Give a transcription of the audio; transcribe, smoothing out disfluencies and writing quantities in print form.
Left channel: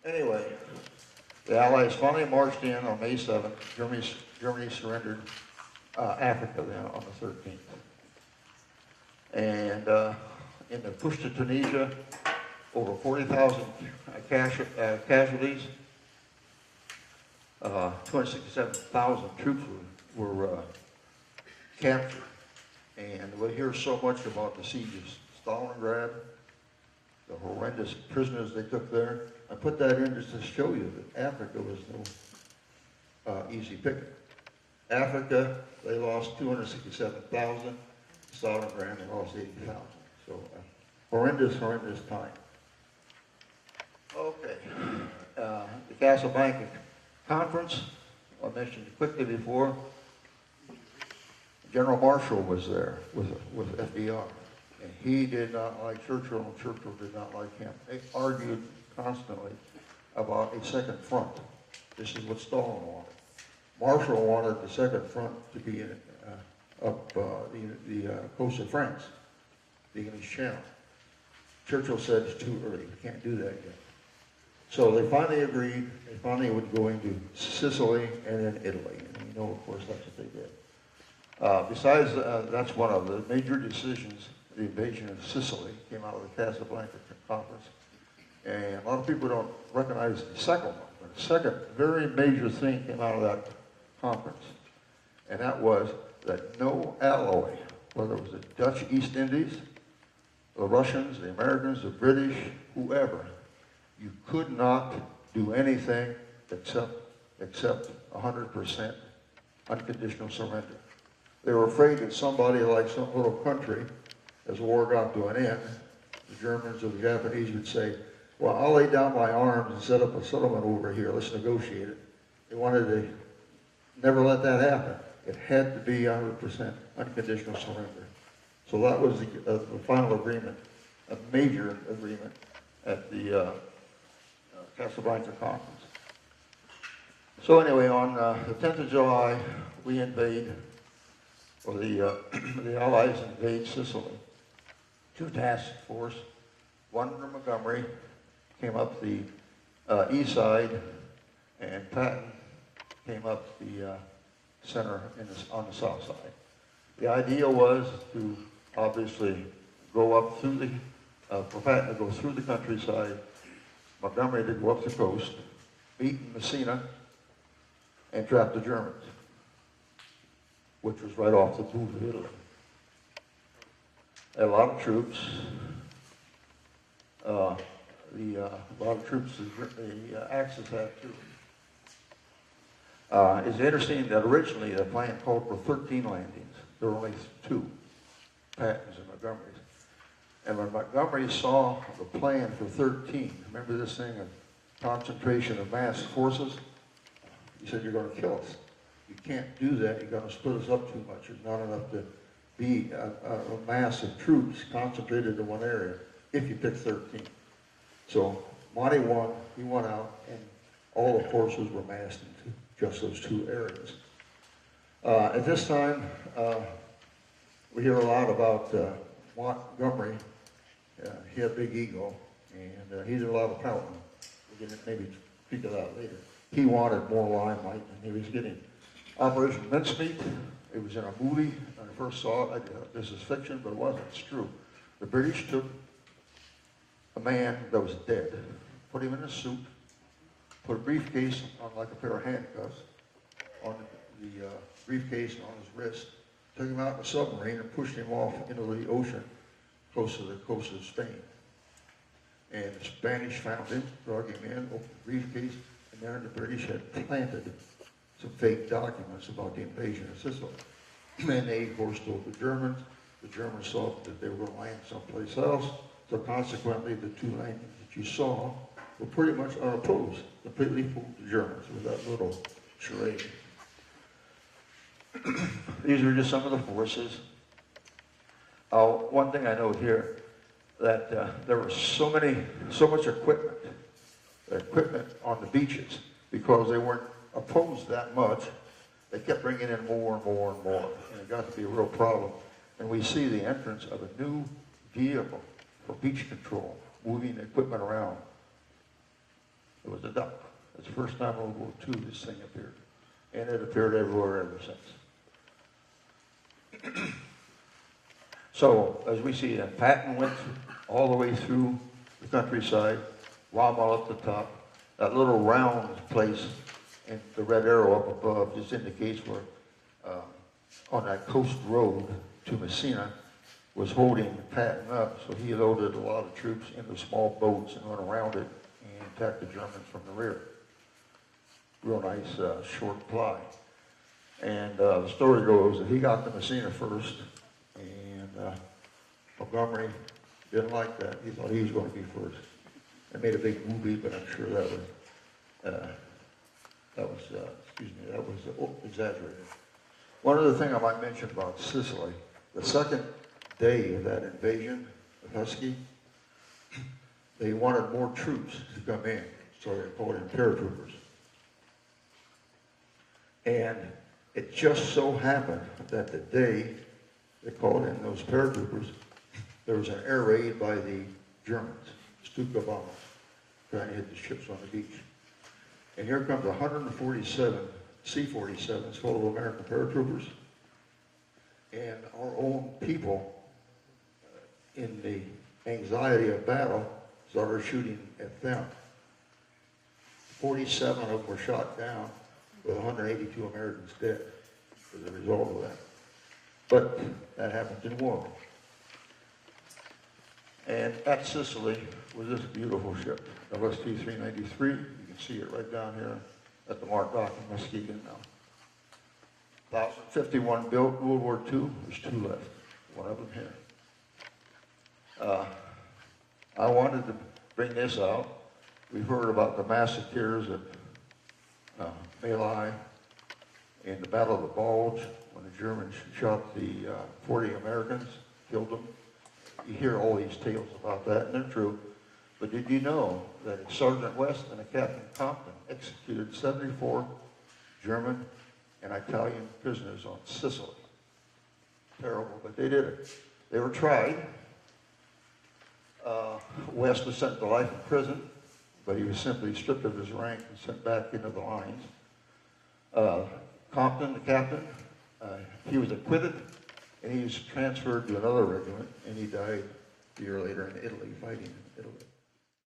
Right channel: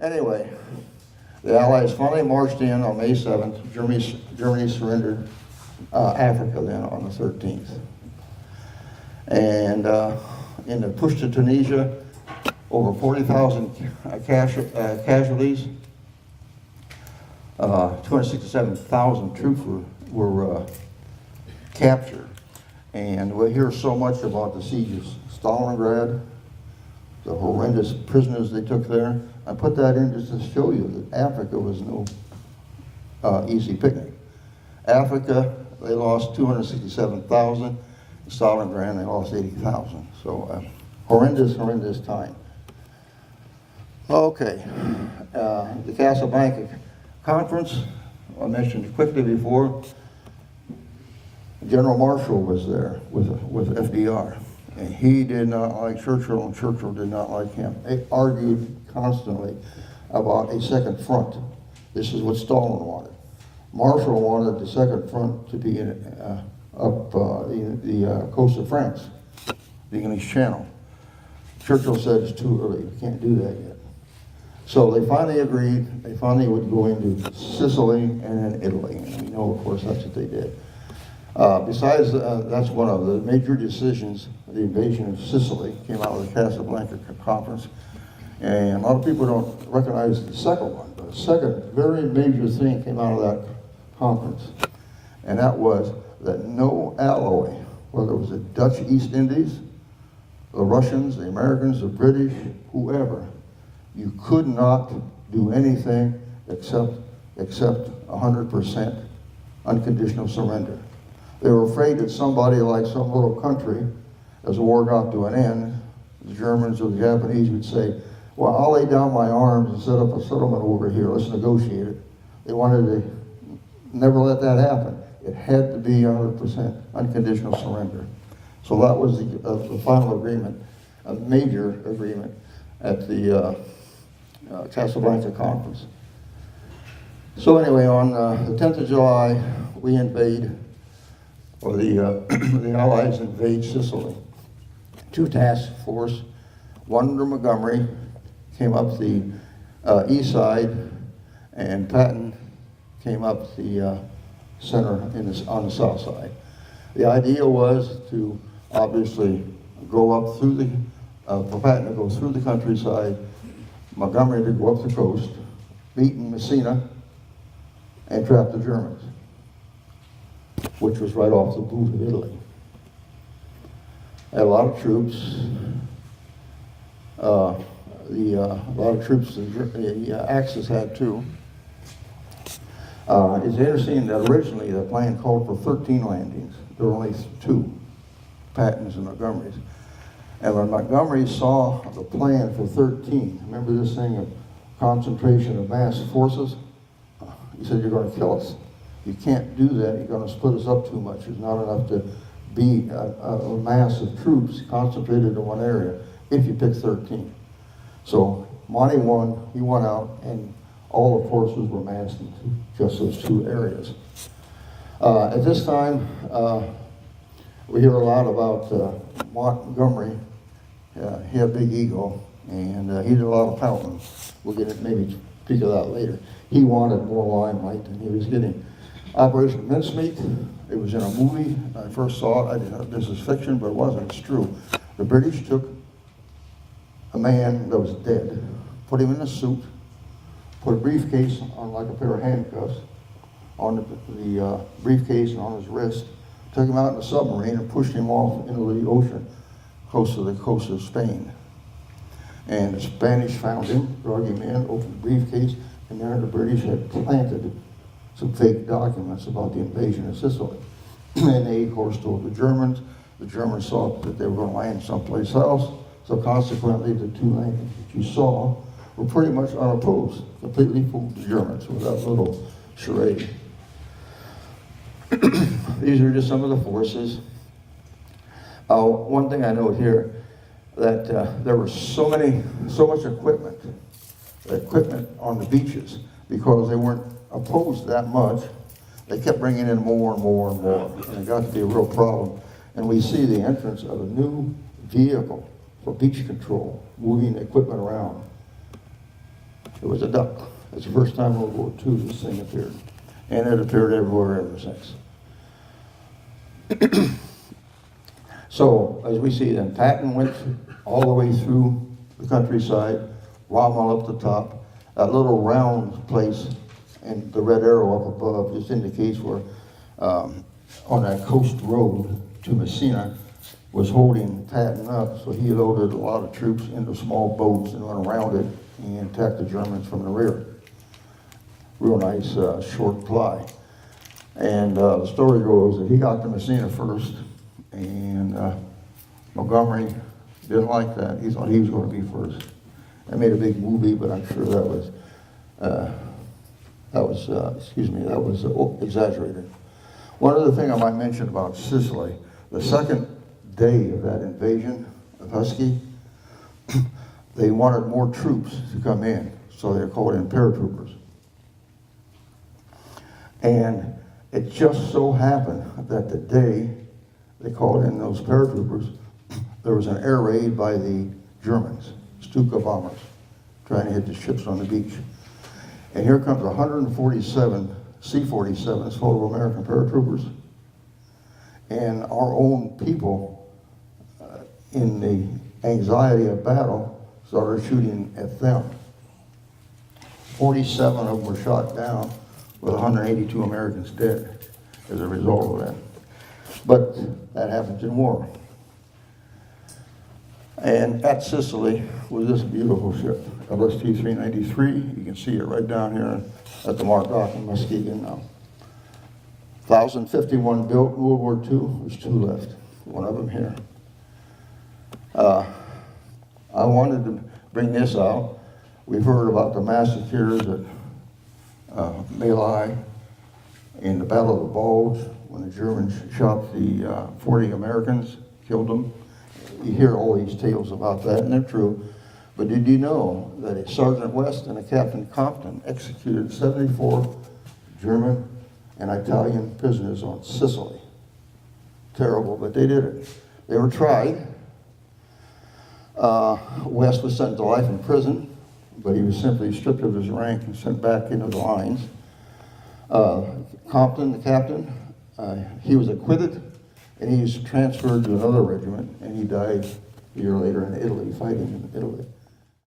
Anyway, the Allies finally marched in on May 7th. Germany surrendered Africa then on the 13th. And in the push to Tunisia, over 40,000 casualties. 267,000 troops were captured. And we hear so much about the siege of Stalingrad, the horrendous prisoners they took there. I put that in just to show you that Africa was no easy picnic. Africa, they lost 267,000. Stalingrad, they lost 80,000. So horrendous time. Okay, the Casablanca Conference, I mentioned it quickly before. General Marshall was there with FDR, and he did not like Churchill, and Churchill did not like him. They argued constantly about a second front. This is what Stalin wanted. Marshall wanted the second front to be up the coast of France, the English Channel. Churchill said it's too early, we can't do that yet. So they finally agreed, they finally would go into Sicily and then Italy. And you know, of course, that's what they did. Besides, that's one of the major decisions. The invasion of Sicily came out of the Casablanca Conference. And a lot of people don't recognize the second one, but the second very major thing came out of that conference. And that was that no alloy, whether it was the Dutch East Indies, the Russians, the Americans, the British, whoever, you could not do anything except 100% unconditional surrender. They were afraid that somebody like some little country, as the war got to an end, the Germans or the Japanese would say, well, I'll lay down my arms and set up a settlement over here, let's negotiate it. They wanted to never let that happen. It had to be 100% unconditional surrender. So that was the final agreement, a major agreement at the Casablanca Conference. So anyway, on the 10th of July, we invade, or the Allies invade Sicily. Two task force, one under Montgomery, came up the east side, and Patton came up the center on the south side. The idea was to obviously go up through the, for Patton to go through the countryside, Montgomery to go up the coast, beat Messina, and trap the Germans, which was right off the boot of Italy. Had a lot of troops. A lot of troops the Axis had too. It's interesting that originally the plan called for 13 landings. There were only 2, Patton's and Montgomery's. And when Montgomery saw the plan for 13, remember this thing of concentration of mass forces? He said, you're going to kill us. You can't do that. You're going to split us up too much. There's not enough to be a mass of troops concentrated in one area if you pick 13. So Monty won. He won out, and all the forces were massed into just those 2 areas. At this time, we hear a lot about Montgomery. He had a big ego, and he did a lot of pouting. We'll get it, maybe speak of that later. He wanted more limelight than he was getting. Operation Mincemeat, it was in a movie. I first saw it. I didn't know this is fiction, but it wasn't. It's true. The British took a man that was dead, put him in a suit, put a briefcase on like a pair of handcuffs on the briefcase and on his wrist, took him out in a submarine and pushed him off into the ocean, close to the coast of Spain. And the Spanish found him, drug him in, opened the briefcase, and there the British had planted some fake documents about the invasion of Sicily. And they, of course, told the Germans. The Germans thought that they were going to land someplace else. So consequently, the 2 landings that you saw were pretty much unopposed. Completely fooled the Germans with that little charade. These are just some of the forces. One thing I note here, that there was so much equipment on the beaches, because they weren't opposed that much. They kept bringing in more and more and more, and it got to be a real problem. And we see the entrance of a new vehicle for beach control, moving the equipment around. It was a duck. It's the first time in World War II this thing appeared. And it appeared everywhere ever since. So, as we see, and Patton went all the way through the countryside, Wildmall up the top, that little round place, and the red arrow up above just indicates where, on that coast road to Messina, was holding Patton up, so he loaded a lot of troops into small boats and went around it and attacked the Germans from the rear. Real nice short ply. And the story goes that he got to Messina first, and Montgomery didn't like that. He thought he was going to be first. They made a big movie, but I'm sure that was exaggerated. One other thing I might mention about Sicily, the second day of that invasion of Husky, they wanted more troops to come in, so they called in paratroopers. And it just so happened that the day they called in those paratroopers, there was an air raid by the Germans, Stuka bombers, trying to hit the ships on the beach. And here comes 147 C-47s full of American paratroopers. And our own people, in the anxiety of battle, started shooting at them. 47 of them were shot down, with 182 Americans dead as a result of that. But that happens in war. And at Sicily was this beautiful ship, LST-393. You can see it right down here at the Mart Dock in Muskegon now. 1,051 built in World War II. There's 2 left. One of them here. I wanted to bring this out. We've heard about the massacres at My in the Battle of the Bulge, when the Germans shot the 40 Americans, killed them. You hear all these tales about that, and they're true. But did you know that a Sergeant West and a Captain Compton executed 74 German and Italian prisoners on Sicily? Terrible, but they did it. They were tried. West was sentenced to life in prison, but he was simply stripped of his rank and sent back into the lines. Compton, the captain, he was acquitted, and he was transferred to another regiment, and he died a year later in Italy, fighting in Italy.